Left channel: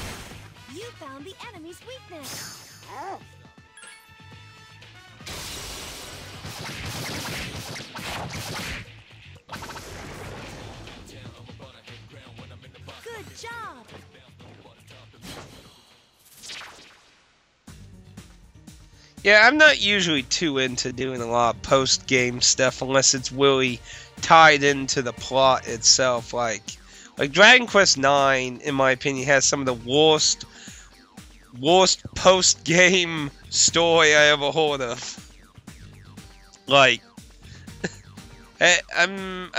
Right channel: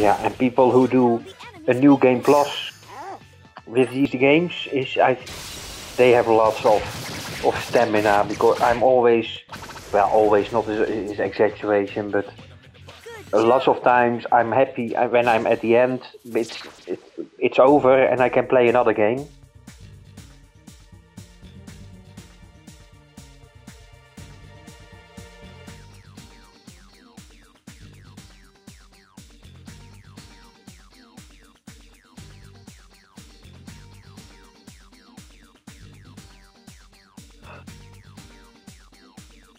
Yeah, and people who do a new game plus with these games they have lots of stamina because I'm always, well, always not is exaggeration, but lots of times I'm happy when I'm at the end. It's over and I can play another game. Yeah, I'm not usually too into doing a lot of post-game stuff unless it's really tied into the plot itself. Like Dragon Quest IX, in my opinion, has some of the worst post-game story I ever heard of. Like, I'm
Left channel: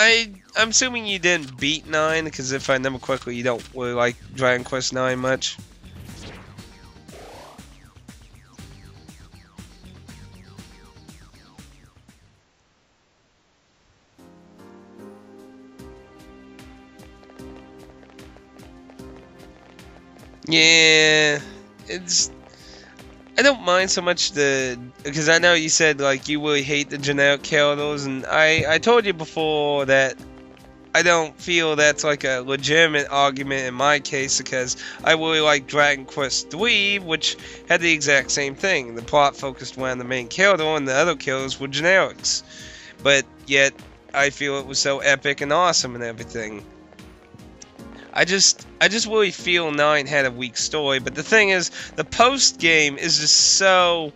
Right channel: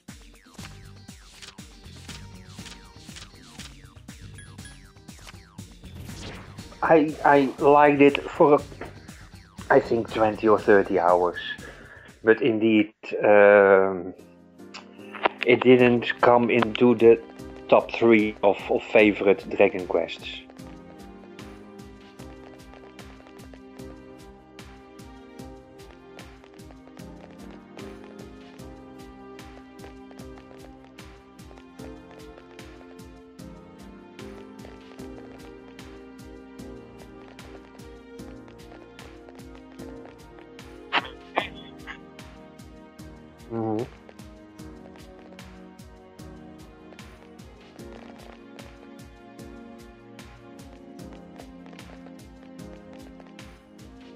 assuming you didn't beat 9, because if I remember correctly, you don't really like Dragon Quest 9 much. I liked it for I think 20 or 30 hours, but indeed it didn't come into the top 3 of favorite Dragon Quests. Yeah, I don't mind so much because I know you said like you really hate the generic characters, and I told you before that I don't feel that's like a legitimate argument in my case, because I really like Dragon Quest III, which had the exact same thing. The plot focused around the main character, and the other characters were generics. But yet, I feel it was so epic and awesome and everything. I just really feel 9 had a weak story, but the thing is, the post game is just so,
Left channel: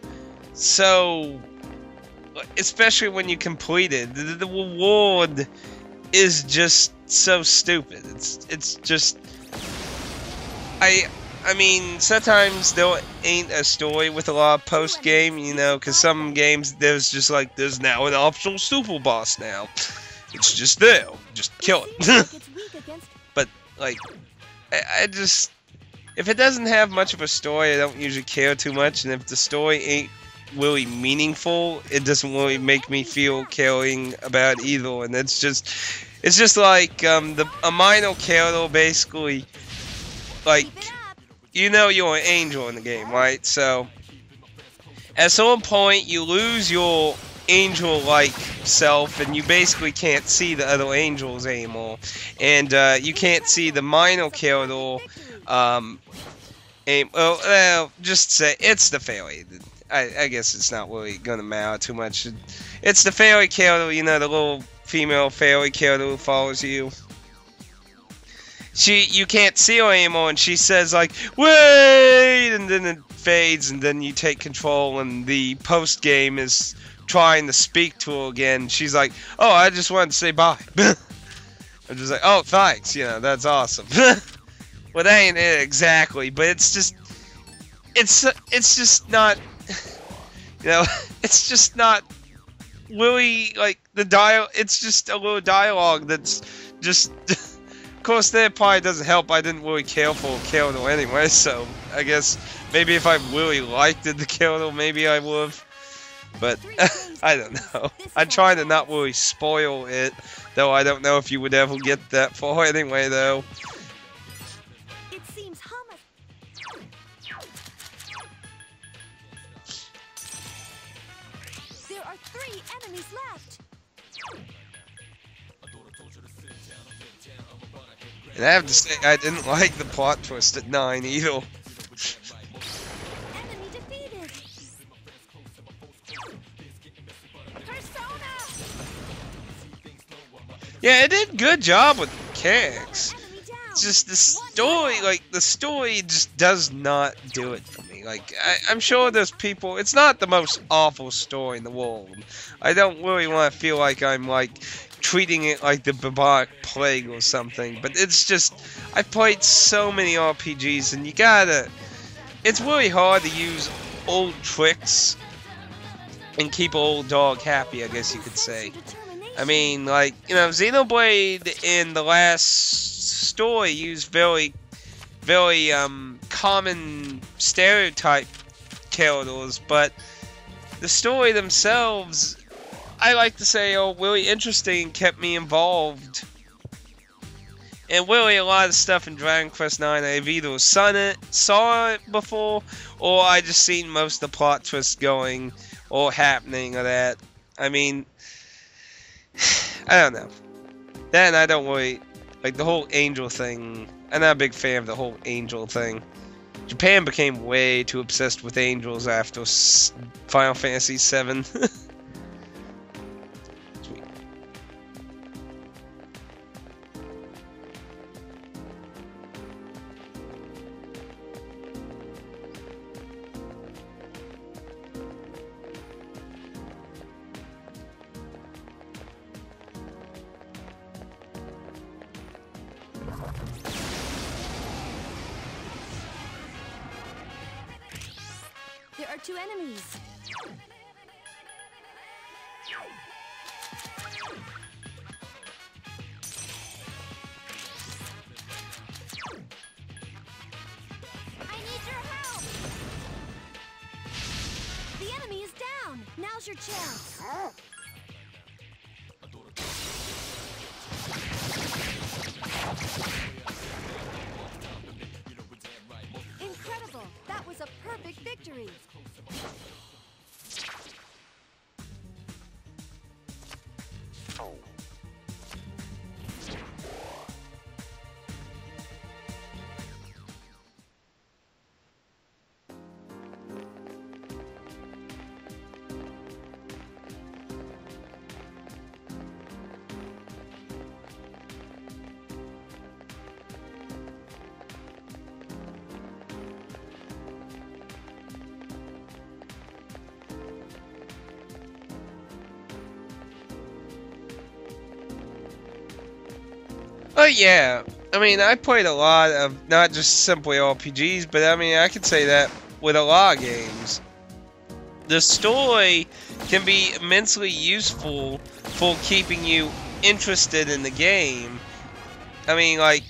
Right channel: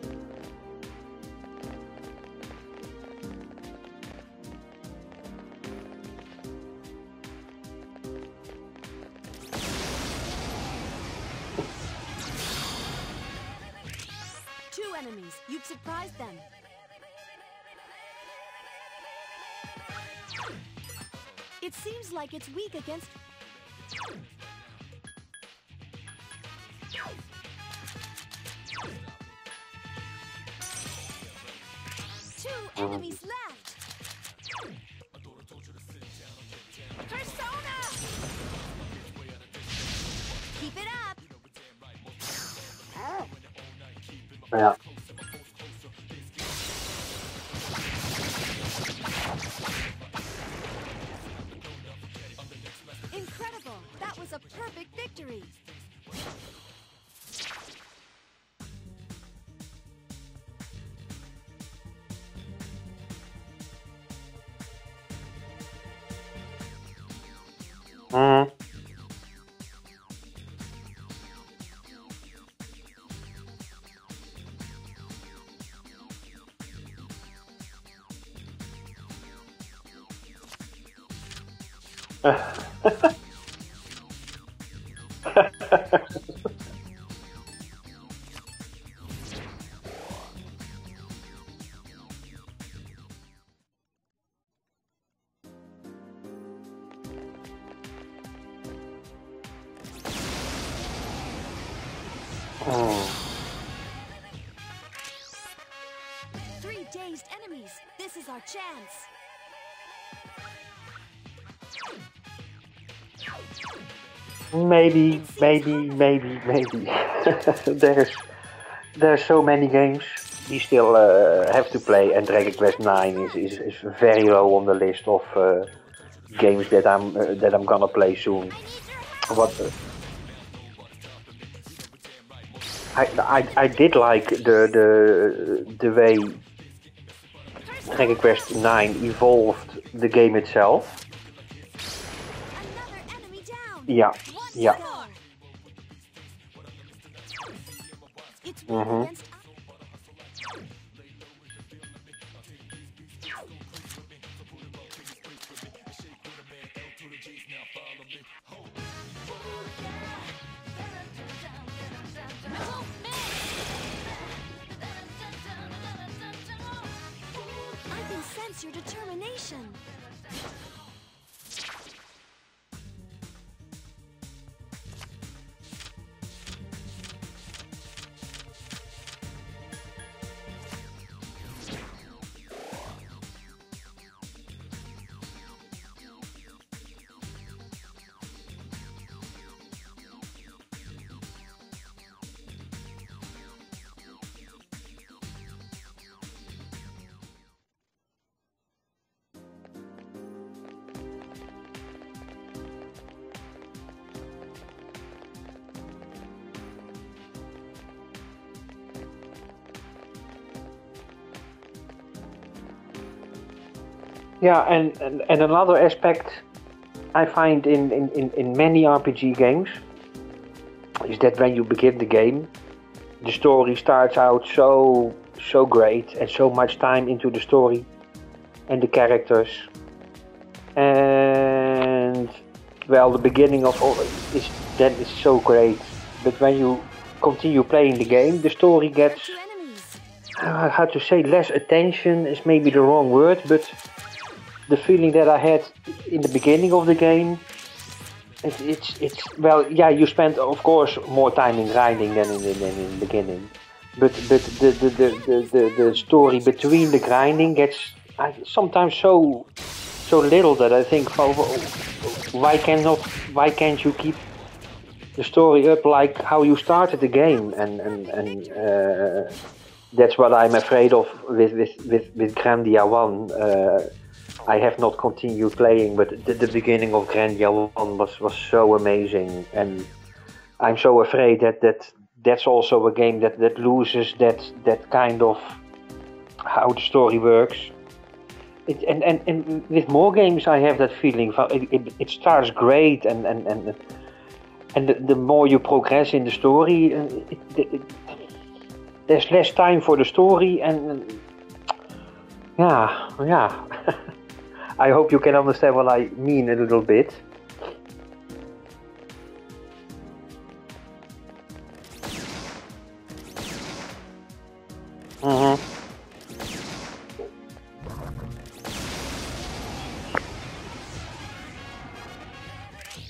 especially when you complete it, the reward is just so stupid. It's just, I mean, sometimes there ain't a story with a lot of post game, you know, because some games there's just like there's now an optional super boss now. It's just there, just kill it. But like, I just, if it doesn't have much of a story, I don't usually care too much, and if the story ain't really meaningful, it doesn't really make me feel caring about either. And it's just like a minor character basically, like, you know, you're an angel in the game, right? So Yeah. at some point you lose your angel-like self, and you basically can't see the other angels anymore, and you can't see the minor character. Just say it's the fairy. I guess it's not really gonna matter too much. It's the fairy character, you know, the little female fairy character who follows you. You can't see her anymore, and she says like, "Wait!" and then it fades, and then you take control, and the post game is trying to speak to her again. She's like, "Oh, I just wanted to say bye." I'm just like, "Oh, thanks, you know, that's awesome." Well, that ain't it exactly, but it's just not, you know, it's just not really like the it's just a little dialogue that's just, of course that probably doesn't help. I didn't really care for character anyway, so I guess maybe if I really liked the character, maybe I would've, but I don't know. I try to not really spoil it, though I don't know if you would ever get that far anyway, though. Maybe. There's so many games we still have to play, and Dragon Quest 9 is very low on the list of games that I'm gonna play soon. I have to say, I didn't like the plot twist at 9 either. I did like the way Dragon Quest 9 evolved the game itself. Yeah, it did a good job with mechanics. It's just the story, like, the story just does not do it for me. Like, I'm sure there's people, it's not the most awful story in the world. I don't really want to feel like I'm, like, treating it like the bubonic plague or something, but it's just, I've played so many RPGs, and it's really hard to use old tricks and keep an old dog happy, I guess you could say. I mean, like, you know, Xenoblade in the last story used very common stereotype characters, but the story themselves, I like to say, are really interesting and kept me involved. And really, a lot of stuff in Dragon Quest IX, I've either saw it before, or I just seen most of the plot twists going or happening or that. I mean, I don't know. Then I don't really, like, the whole angel thing I'm not a big fan of the whole angel thing. Japan became way too obsessed with angels after Final Fantasy VII. Yeah, and another aspect I find in many RPG games is that when you begin the game, the story starts out so great and so much time into the story and the characters, and well, the beginning of all that is so great. But when you continue playing the game, the story gets, how to say, less attention is maybe the wrong word, but the feeling that I had in the beginning of the game, it's well, yeah, you spend of course more time in grinding than in the beginning, but the story between the grinding gets sometimes so little that I think, oh, why can't you keep the story up like how you started the game, and that's what I'm afraid of with Grandia 1. I have not continued playing, but the beginning of Grandia 1 was so amazing, and I'm so afraid that's also a game that loses that kind of how the story works. And with more games I have that feeling. It starts great, and the more you progress in the story, there's less time for the story, and yeah. I hope you can understand what I mean a little bit. Oh yeah, I mean, I played a lot of not just simply RPGs, but I mean, I could say that with a lot of games. The story can be immensely useful for keeping you interested in the game. I mean, like,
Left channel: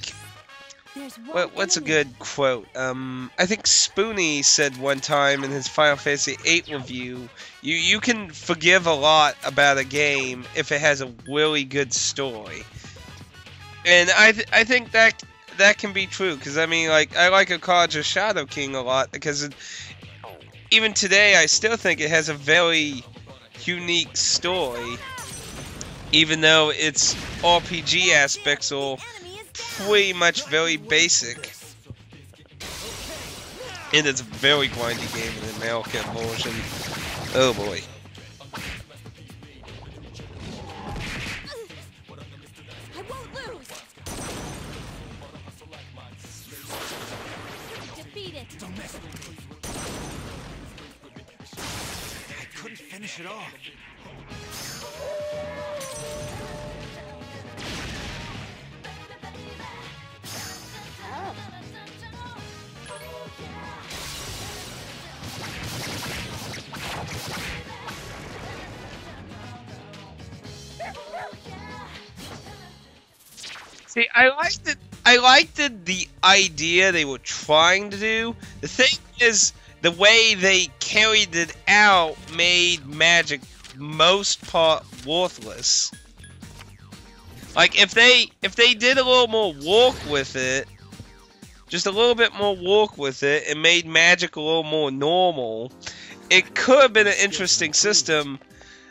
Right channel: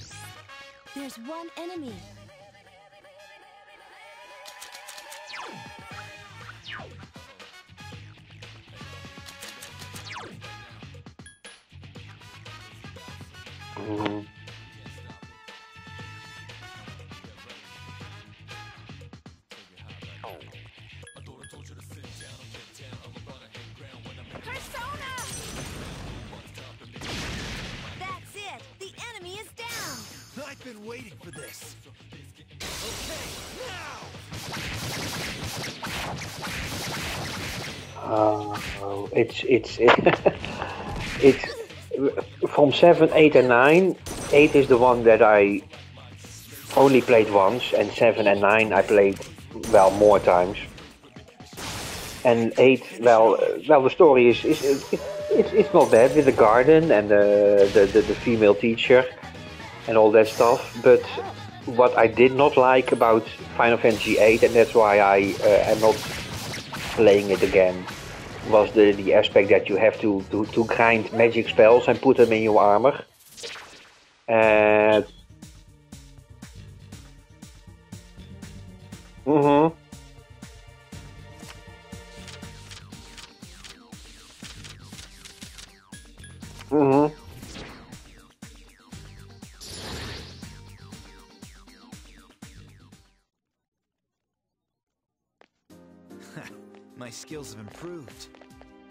what's a good quote? I think Spoonie said one time in his Final Fantasy VIII review, you can forgive a lot about a game if it has a really good story. And I think that can be true, because I mean, like, I like Akaja Shadow King a lot, because even today I still think it has a very unique story, even though its RPG aspects are pretty much very basic. And it's a very grindy game in the American version. Oh boy. It's from 7, 8 and 9. 8 is the one that I only played once, and 7 and 9 I played, well, more times. And 8, well, the story is it's not bad, with the garden and the female teacher and all that stuff. But what I did not like about Final Fantasy VIII, and that's why I am not playing it again, was the aspect that you have to grind magic spells and put them in your armor. See, I liked the idea they were trying to do. The thing is, the way they carried it out made magic most part worthless. Like, if they did a little more work with it, just a little bit more work with it, and made magic a little more normal, it could have been an interesting system.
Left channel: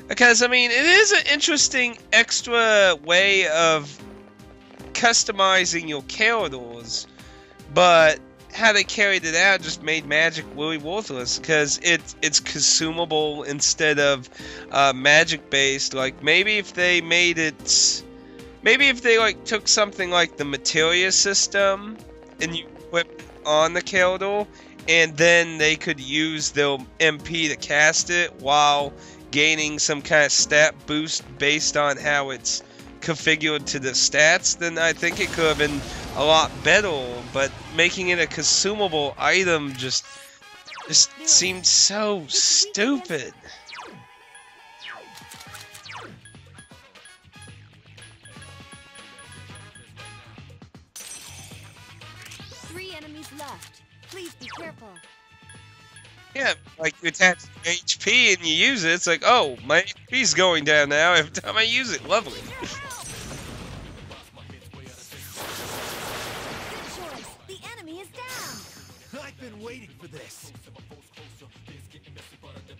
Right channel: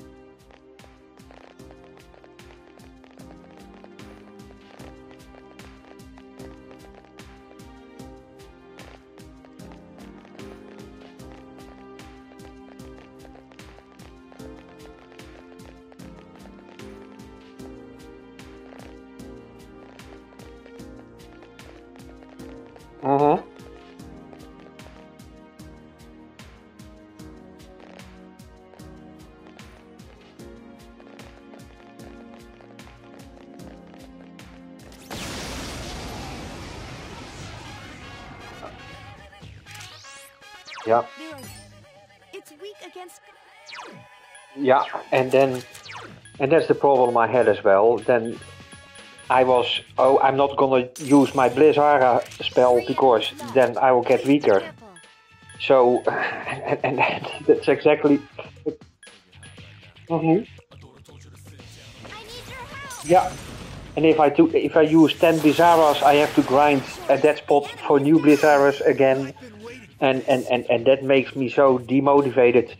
Because, I mean, it is an interesting extra way of customizing your characters, but how they carried it out just made magic really worthless, because it's consumable instead of magic based. Like, maybe if they like took something like the materia system and you put on the character, and then they could use their MP to cast it while gaining some kind of stat boost based on how it's configured to the stats, then I think it could have been a lot better. But making it a consumable item just seemed so stupid. Yeah, and that's the problem I had as well. Then I was, I'm not gonna use my Blizzara spell because then I will get weaker. So, yeah, and that's exactly. HP and you use it, it's like, oh, my HP's going down now every time I use it. Lovely. Yeah, and if I use 10 Blizzaras, I have to grind at that spot for new Blizzaras again, and that makes me so demotivated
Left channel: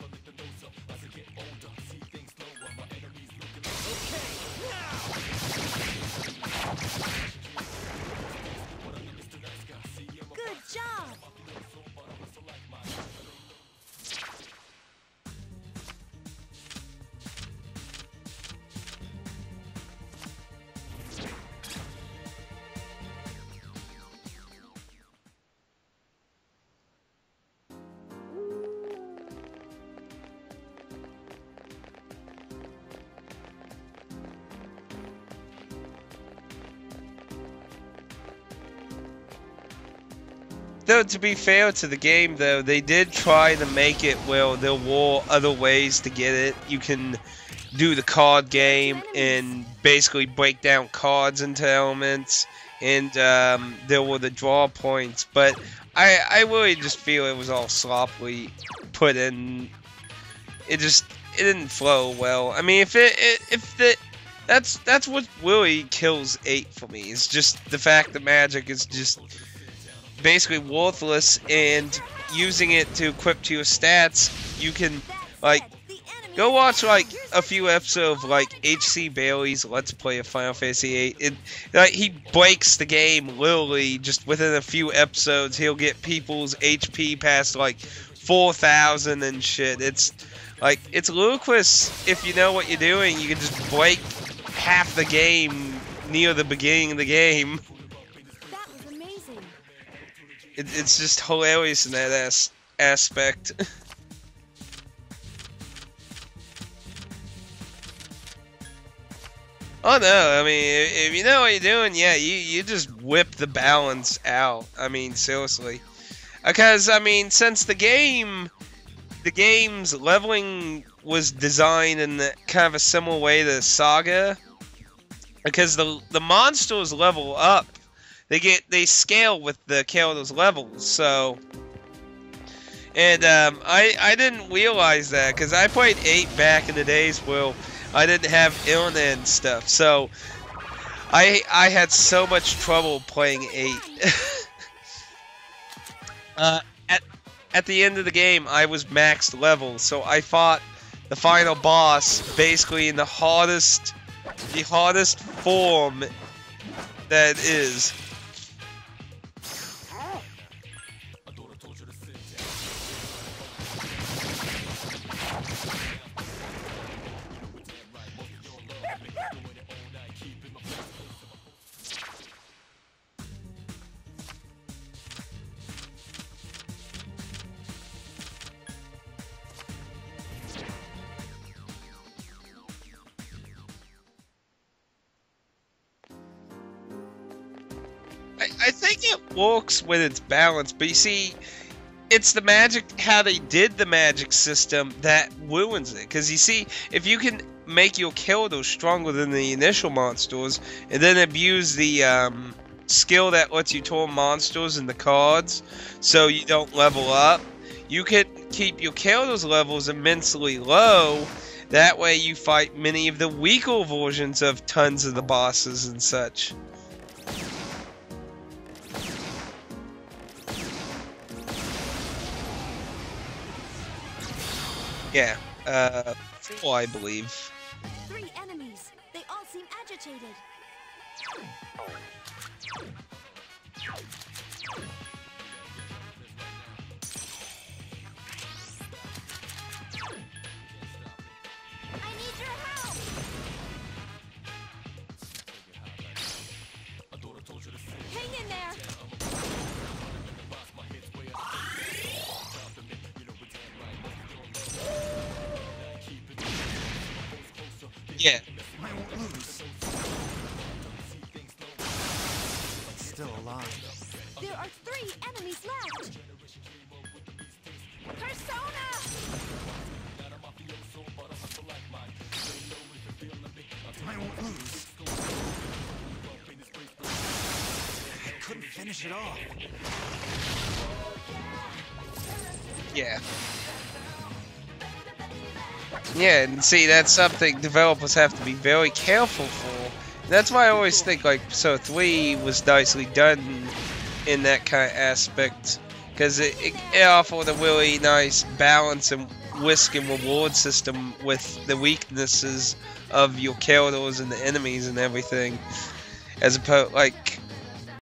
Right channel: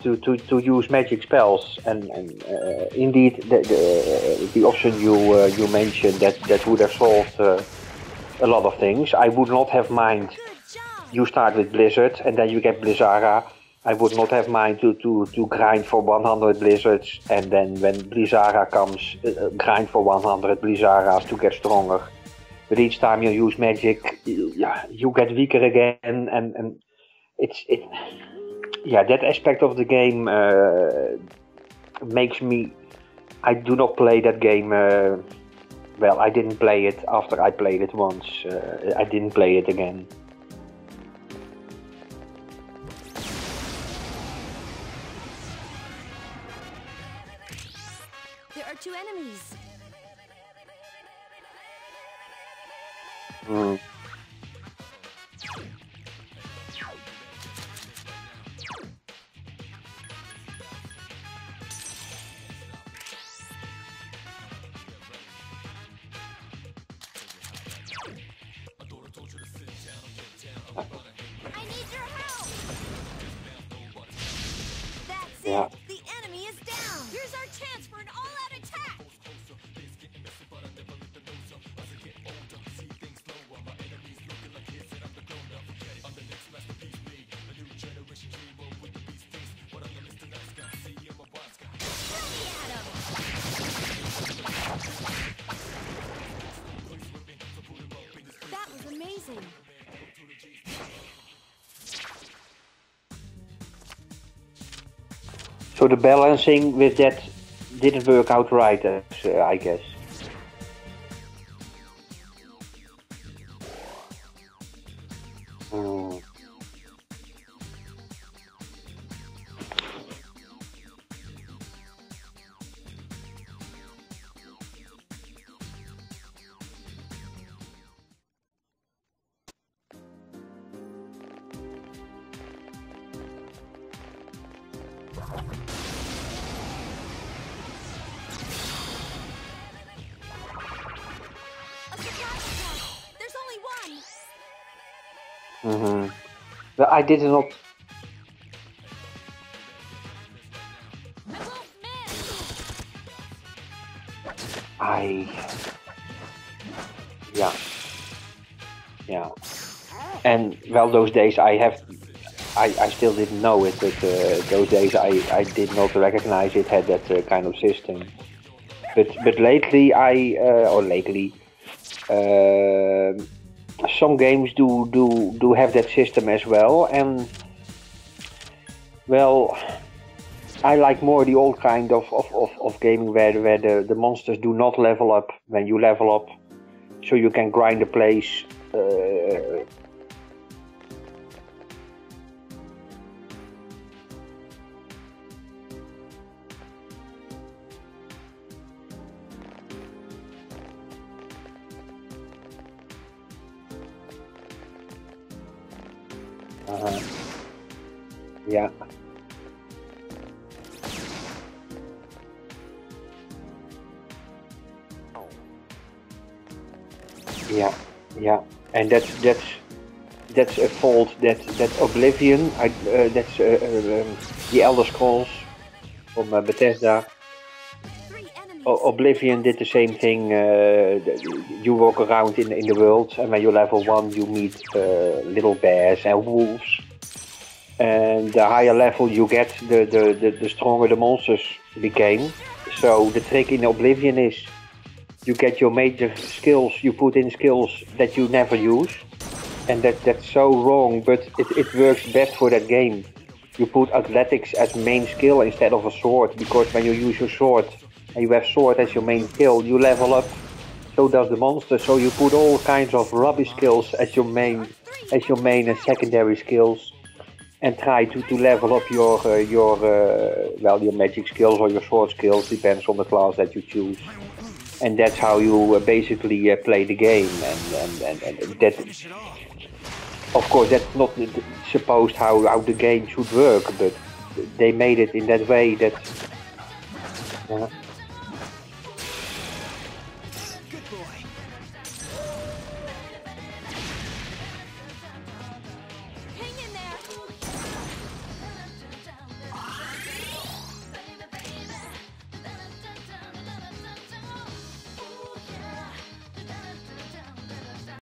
to use magic spells. And indeed, the option you mentioned that would have solved a lot of things. I would not have mind. You start with Blizzard and then you get Blizzara. I would not have mind to grind for 100 Blizzards and then when Blizzara comes, grind for 100 Blizzara to get stronger. But each time you use magic, you get weaker again, and that aspect of the game makes me. I do not play that game. Well, I didn't play it after I played it once. I didn't play it again. Though, to be fair to the game, though, they did try to make it where there were other ways to get it. You can do the card game and basically break down cards into elements, and there were the draw points. But I really just feel it was all sloppily put in. It didn't flow well. I mean, that's what really kills 8 for me. It's just the fact that magic is just basically worthless, and using it to equip to your stats, you can like go watch like a few episodes of like HC Bailey's Let's Play of Final Fantasy VIII. Like he breaks the game literally just within a few episodes. He'll get people's HP past like 4,000 and shit. It's like it's ludicrous. If you know what you're doing, you can just break half the game near the beginning of the game. It's just hilarious in that aspect. So the balancing with that didn't work out right, I guess. Oh no, I mean, if you know what you're doing, yeah, you just whip the balance out. I mean, seriously. Because, I mean, since the game's leveling was designed in kind of a similar way to Saga, because the monsters level up, they scale with the character's levels, so. And I didn't realize that because I played 8 back in the days where I didn't have internet and stuff, so I had so much trouble playing 8. I did not. At the end of the game, I was maxed level, so I fought the final boss basically in the hardest form that is. Yeah. And well, those days I still didn't know it, but those days I did not recognize it had that kind of system. But lately some games do have that system as well, and well, I like more the old kind of gaming where the monsters do not level up when you level up, so you can grind the place. I think it works with its balance, but you see, it's the magic, how they did the magic system that ruins it. Because you see, if you can make your character stronger than the initial monsters, and then abuse the skill that lets you turn monsters into cards, so you don't level up, you can keep your character's levels immensely low. That way you fight many of the weaker versions of tons of the bosses and such. Yeah, and that's a fault that Oblivion, that's the Elder Scrolls from Bethesda. Oblivion did the same thing. You walk around in the world, and when you level 1, you meet little bears and wolves. And the higher level you get, the stronger the monsters became. So the trick in Oblivion is you get your major skills, you put in skills that you never use. And that's so wrong, but it works best for that game. You put athletics as main skill instead of a sword, because when you use your sword and you have sword as your main skill, you level up. So does the monster. So you put all kinds of rubbish skills as your main and secondary skills, and try to level up your magic skills or your sword skills, depends on the class that you choose. And that's how you basically play the game. And that, of course, that's not supposed how the game should work, but they made it in that way that. Yeah, and see, that's something developers have to be very careful for. That's why I always think like Persona 3 was nicely done in that kind of aspect, because it offered a really nice balance and risk and reward system with the weaknesses of your characters and the enemies and everything, as opposed like